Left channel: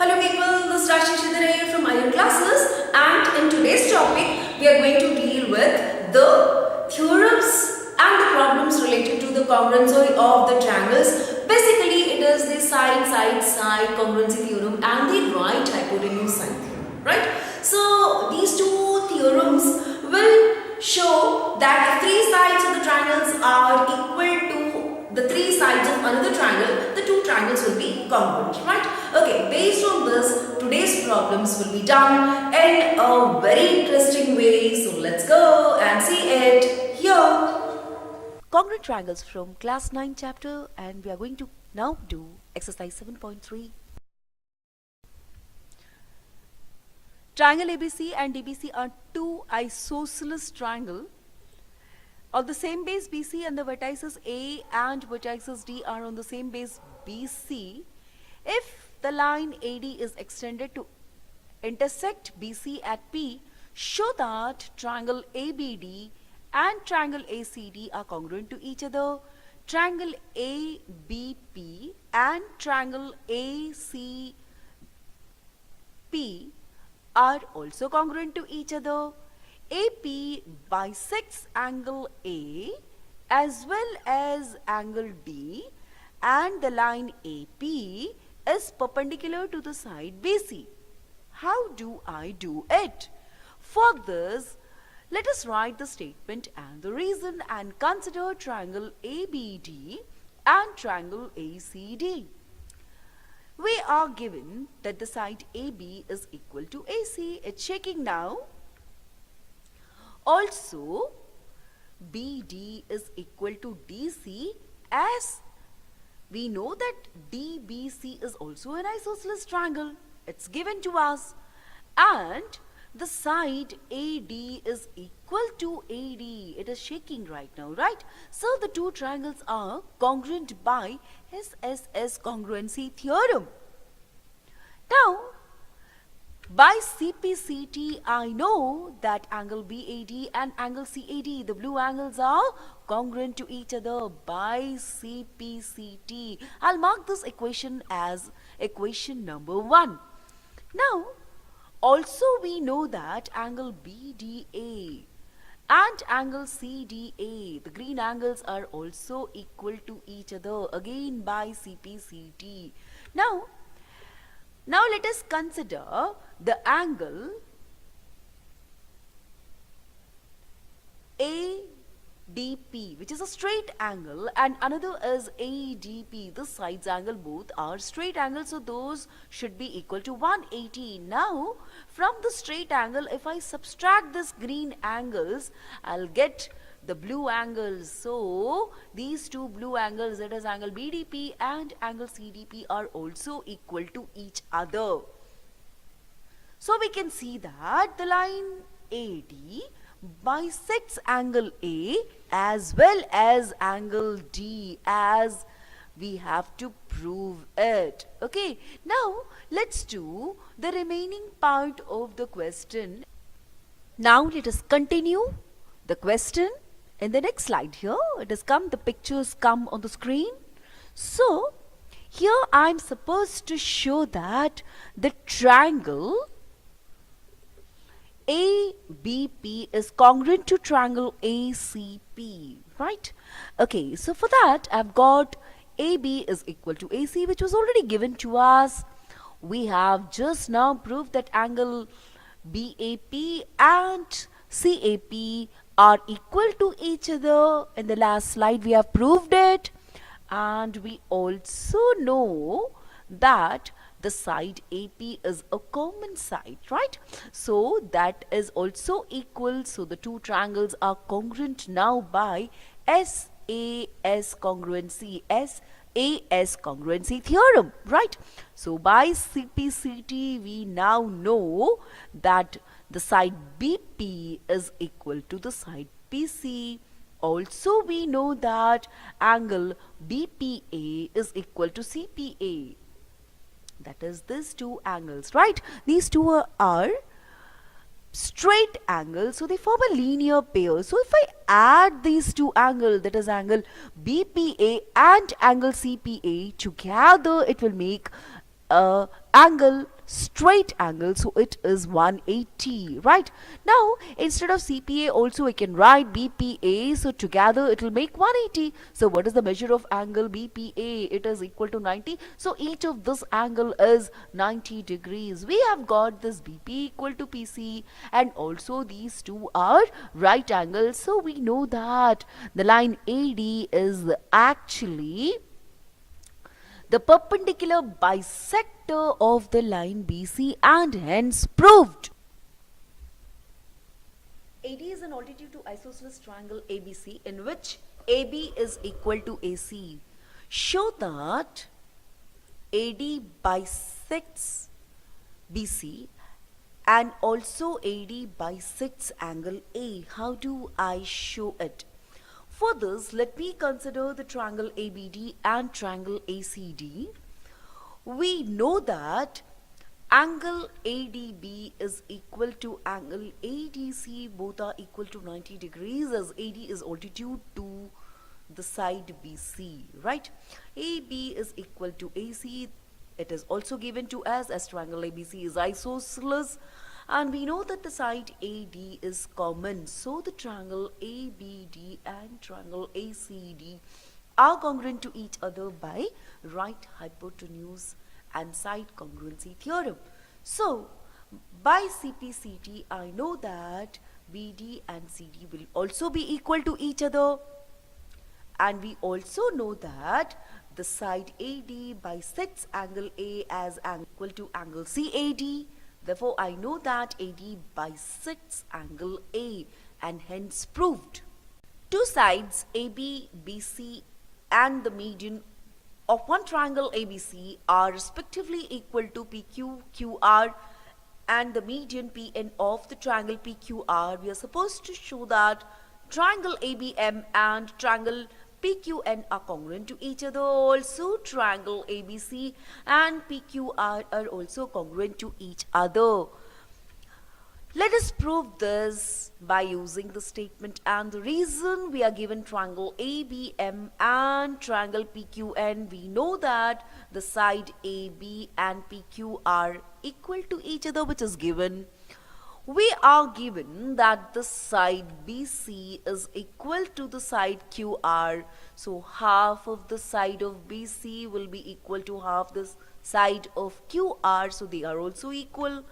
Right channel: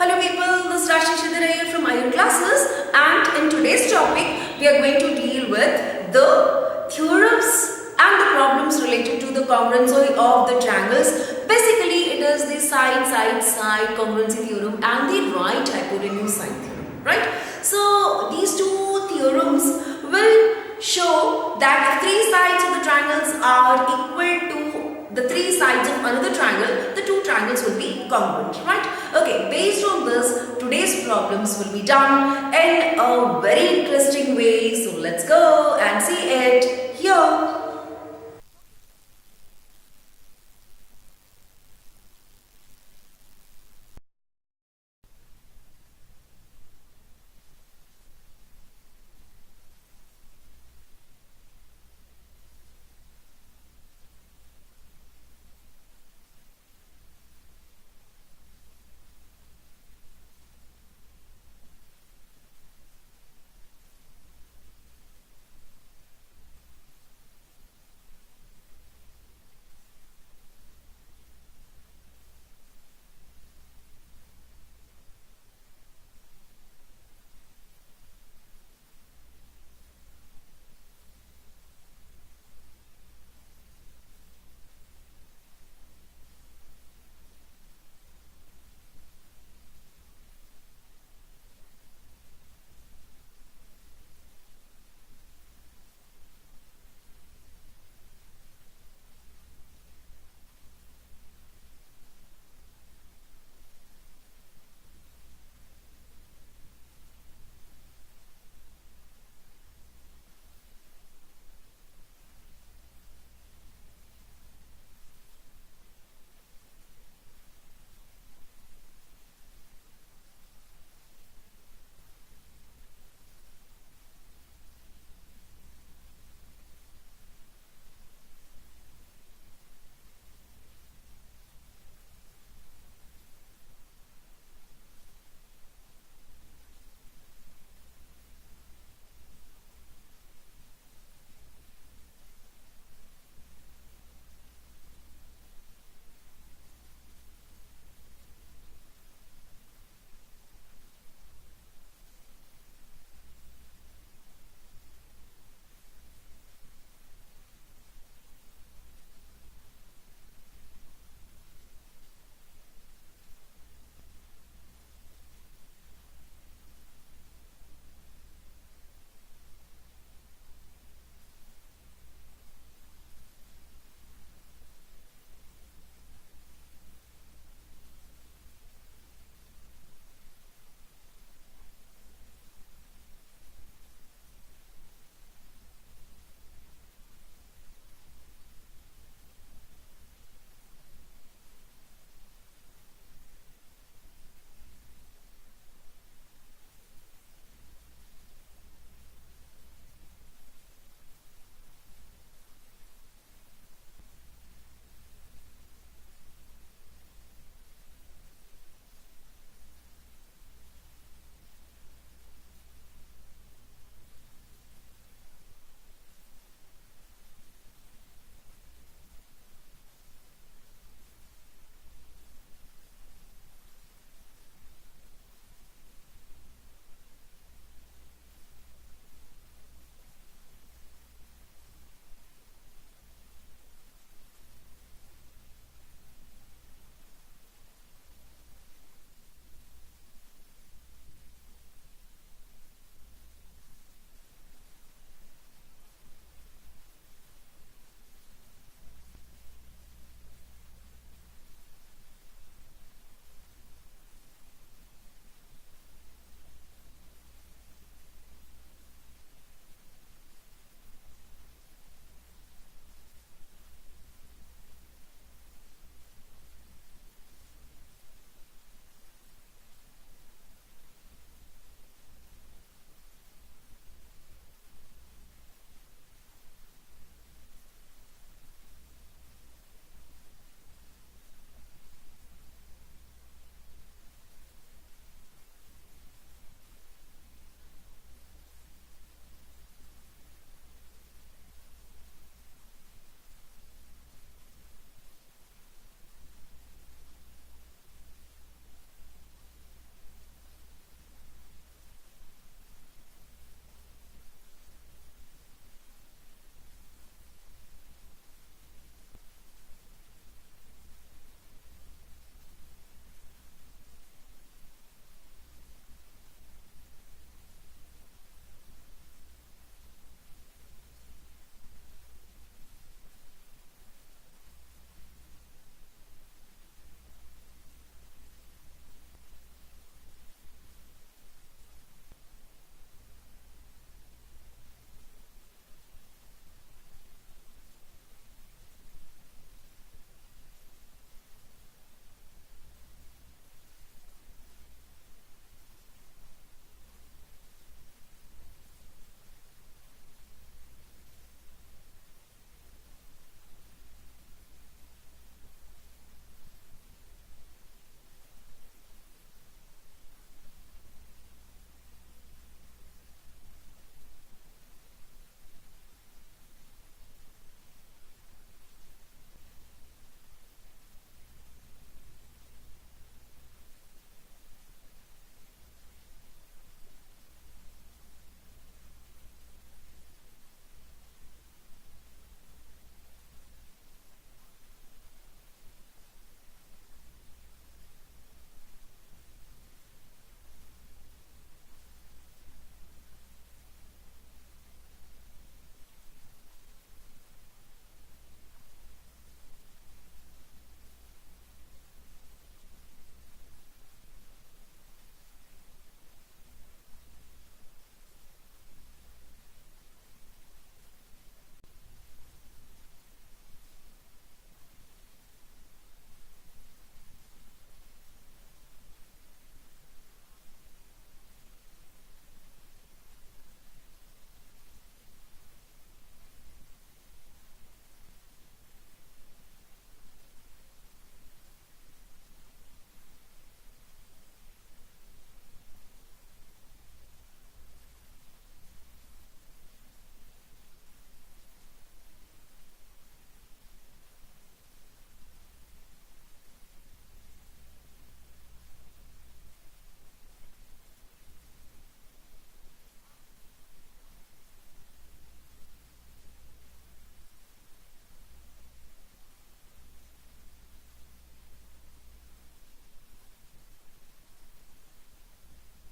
Hello people, this is Rajshree here from Iyer classes, and in today's topic we are going to deal with the theorems and the problems related to the congruence of the triangles. Basically it is the side congruency theorem and the right hypotenuse side theorem, right? So these two theorems will show that if three sides of the triangles are equal to the three sides of another triangle, the two triangles will be congruent, right? Okay, based on this, today's problems will be done in a very interesting way. So let's go and see it here. Congruent triangles from class 9 chapter, and we are going to now do exercise 7.3. Triangle ABC and DBC are two isosceles triangles of the same base BC, and the vertices A and vertices D are on the same base BC. If the line AD is extended to intersect BC at P, show that triangle ABD and triangle ACD are congruent to each other. Triangle ABP and triangle ACP are also congruent to each other. AP bisects angle A as well as angle D, and the line AP is perpendicular to the side BC. How do I do it? For this, let us write the statement and the reason and consider triangle ABD and triangle ACD. We are given that the side AB is equal to AC. It's shaking now. Also, BD is equal to DC, as we know that DBC is also an isosceles triangle. It's given to us. And the side AD is equal to AD. It is shaking right now, right? So the two triangles are congruent by SSS congruency theorem. Now, by CPCT, I know that angle BAD and angle CAD, the blue angles, are congruent to each other by CPCT. I'll mark this equation as equation number 1. Now, also we know that angle BDA and angle CDA, the green angles, are also equal to each other, again by CPCT. Now let us consider the angle ADP, which is a straight angle, and another is ADP. The sides angle, both are straight angles, so those should be equal to 180. Now, from the straight angle, if I subtract this green angles, I'll get the blue angles. So these two blue angles, that is angle BDP and angle CDP, are also equal to each other. So we can see that the line AD bisects angle A as well as angle D, as we have to prove it. Okay, now let's do the remaining part of the question. Now let us continue the question. In the next slide here, it has come, the pictures come on the screen. So here I am supposed to show that the triangle ABP is congruent to triangle ACP, right? Okay, so for that I've got AB is equal to AC, which was already given to us. We have just now proved that angle BAP and CAP are equal to each other. In the last slide we have proved it, and we also know that the side AP is a common side, right? So that is also equal. So the two triangles are congruent now by SAS congruency, SAS congruency theorem, right? So by CPCT we now know that the side BP is equal to the side PC. Also we know that angle BPA is equal to CPA. That is these two angles, right? These two are straight angles, so they form a linear pair. So if I add these two angles, that is angle BPA and angle CPA together, it will make a angle, straight angle, so it is 180, right? Now instead of CPA also I can write BPA, so together it will make 180. So what is the measure of angle BPA? It is equal to 90, so each of this angle is 90 degrees. We have got this BP equal to PC, and also these two are right angles, so we know that the line AD is actually the perpendicular bisector of the line BC, and hence proved. AD is an altitude to isosceles triangle ABC in which AB is equal to AC. Show that AD bisects BC and also AD bisects angle A. How do I show it? For this, let me consider the triangle ABD and triangle ACD. We know that angle ADB is equal to angle ADC, both are equal to 90 degrees as AD is altitude to the side BC, right? AB is equal to AC. It is also given to us as triangle ABC is isosceles, and we know that the side AD is common, so the triangle ABD and triangle ACD are congruent to each other by right hypotenuse and side congruency theorem. So by CPCT I know that BD and CD will also be equal to each other, and we also know that the side AD bisects angle A as equal to angle CAD. Therefore, I know that AD bisects angle A, and hence proved. Two sides AB, BC and the median of one triangle ABC are respectively equal to PQ, QR, and the median PN of the triangle PQR. We are supposed to show that triangle ABM and triangle PQN are congruent to each other. Also, triangle ABC and PQR are also congruent to each other. Let us prove this by using the statement and the reason. We are given triangle ABM and triangle PQN. We know that the side AB and PQ are equal to each other, which is given. We are given that the side BC is equal to the side QR. So half of the side of BC will be equal to half the side of QR. So they are also equal.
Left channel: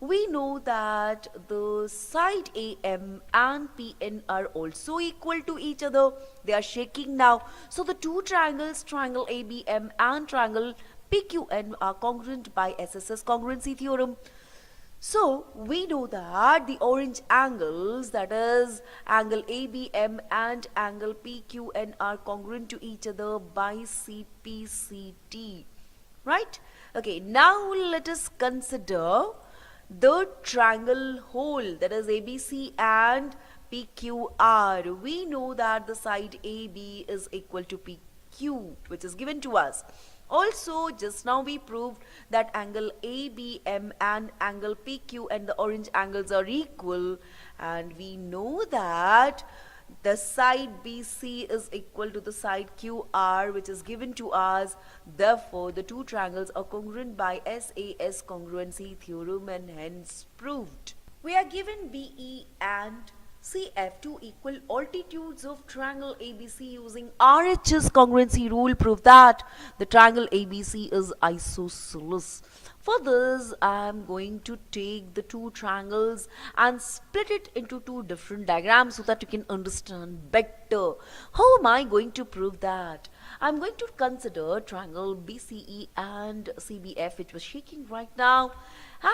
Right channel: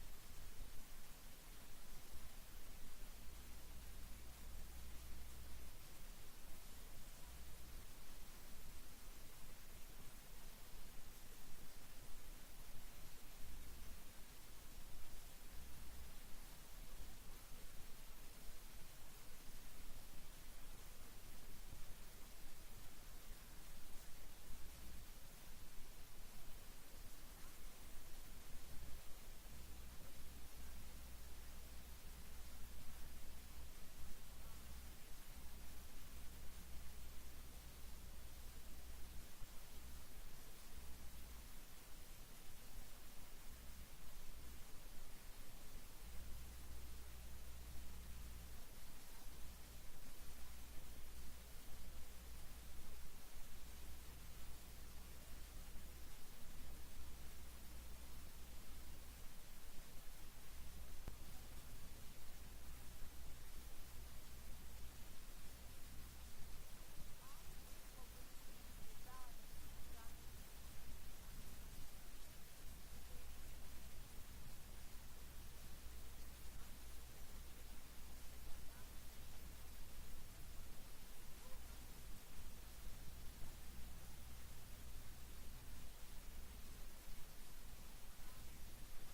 We know that the side AM and PN are also equal to each other. They are shaking now. So the two triangles, triangle ABM and triangle PQN, are congruent by SSS congruency theorem. So we know that the orange angles, that is angle ABM and angle PQN, are congruent to each other by CPCT, right? Okay, now let us consider the triangle whole, that is ABC and PQR. We know that the side AB is equal to PQ, which is given to us. Also, just now we proved that angle ABM and angle PQ and the orange angles are equal, and we know that the side BC is equal to the side QR, which is given to us. Therefore, the two triangles are congruent by SAS congruency theorem, and hence proved. We are given BE and CF, two equal altitudes of triangle ABC, using RHS congruency rule. Prove that the triangle ABC is isosceles. For this, I am going to take the two triangles and split it into two different diagrams so that you can understand better. How am I going to prove that? I am going to consider triangle BCE and CBF, which was shaking right now.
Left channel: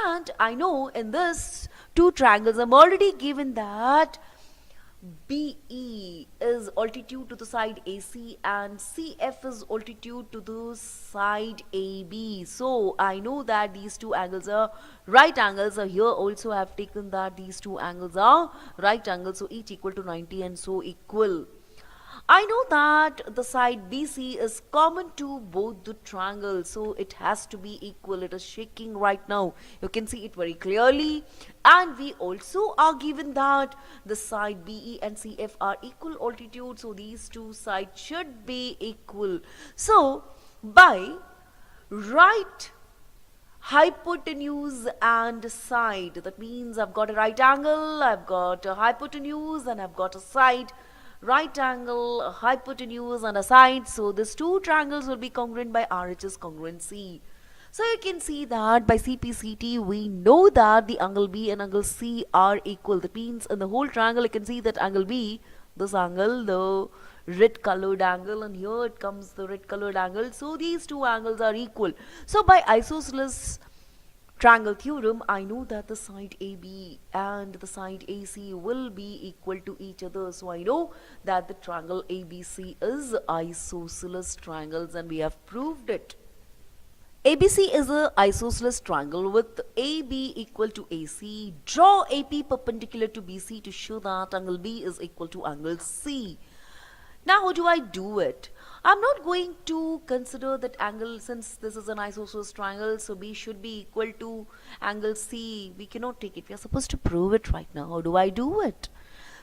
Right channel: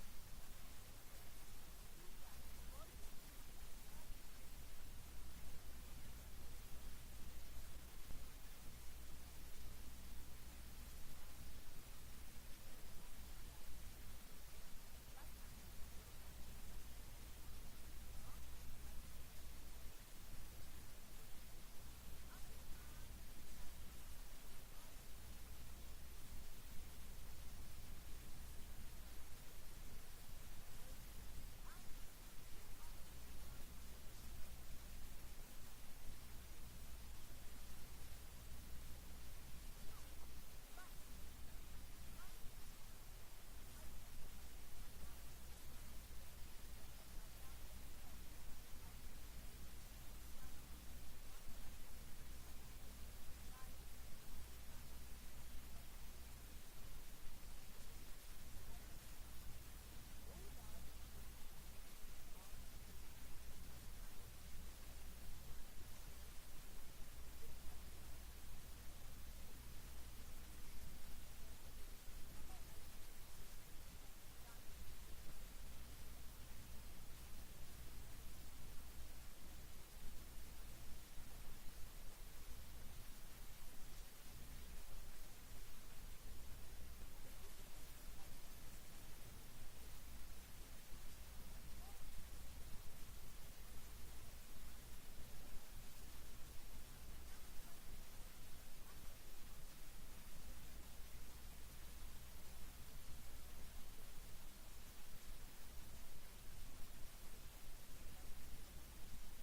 And I know in this two triangles, I'm already given that BE is altitude to the side AC and CF is altitude to the side AB. So I know that these two angles are right angles. So here also I have taken that these two angles are right angles. So each equal to 90 and so equal. I know that the side BC is common to both the triangles, so it has to be equal. It is shaking right now. You can see it very clearly. And we also are given that the side BE and CF are equal altitude, so these two sides should be equal. So by right hypotenuse and side. That means I've got a right angle, I've got a hypotenuse, and I've got a side. Right angle, a hypotenuse, and a side. So these two triangles will be congruent by RHS congruency. So you can see that by CPCT we know that the angle B and angle C are equal. That means in the whole triangle you can see that angle B, this angle, the red colored angle, and here it comes the red colored angle. So these two angles are equal. So by isosceles triangle theorem, I know that the side AB and the side AC will be equal to each other. So I know that the triangle ABC is isosceles triangles, and we have proved it. ABC is a isosceles triangle with AB equal to AC. Draw AP perpendicular to BC to show that angle B is equal to angle C. Now how do I do it? I'm not going to consider that angle, since this is an isosceles triangle, so B should be equal to angle C. We cannot take it. We are supposed to prove it right now. How do I do it?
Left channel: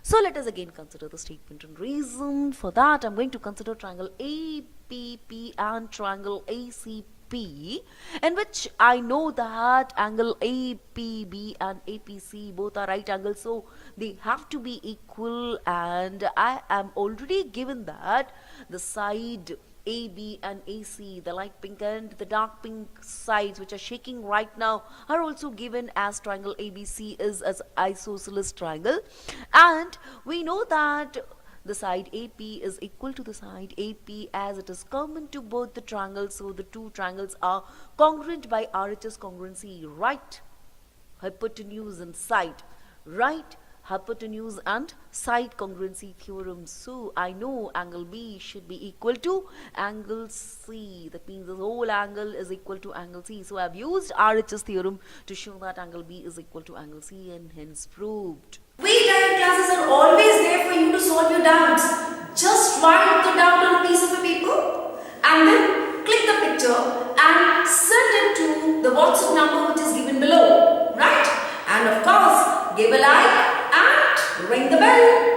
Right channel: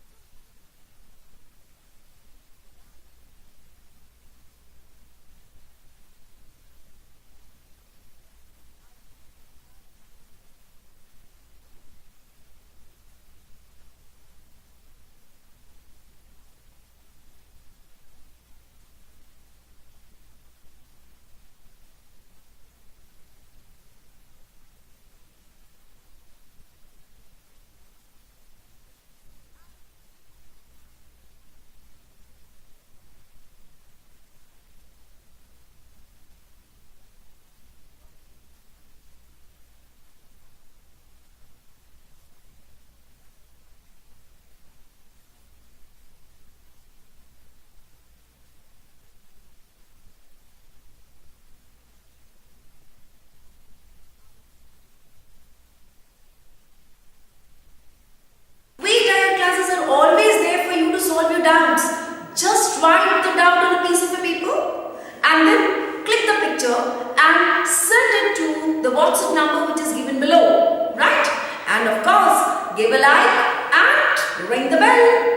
So let us again consider the statement and reason. For that, I'm going to consider triangle APP and triangle ACP, in which I know that angle APB and APC both are right angles, so they have to be equal, and I am already given that the side AB and AC, the light pink and the dark pink sides which are shaking right now, are also given as triangle ABC is as isosceles triangle, and we know that the side AP is equal to the side AP as it is common to both the triangles, so the two triangles are congruent by RHS congruency, right hypotenuse and side, right hypotenuse and side congruency theorem. So I know angle B should be equal to angle C. That means the whole angle is equal to angle C. So I have used RHS theorem to show that angle B is equal to angle C, and hence proved. We Iyer classes are always there for you to solve your doubts. Just write the doubt on a piece of a paper and then click the picture and send it to the WhatsApp number which is given below, right? And of course, give a like and ring the bell.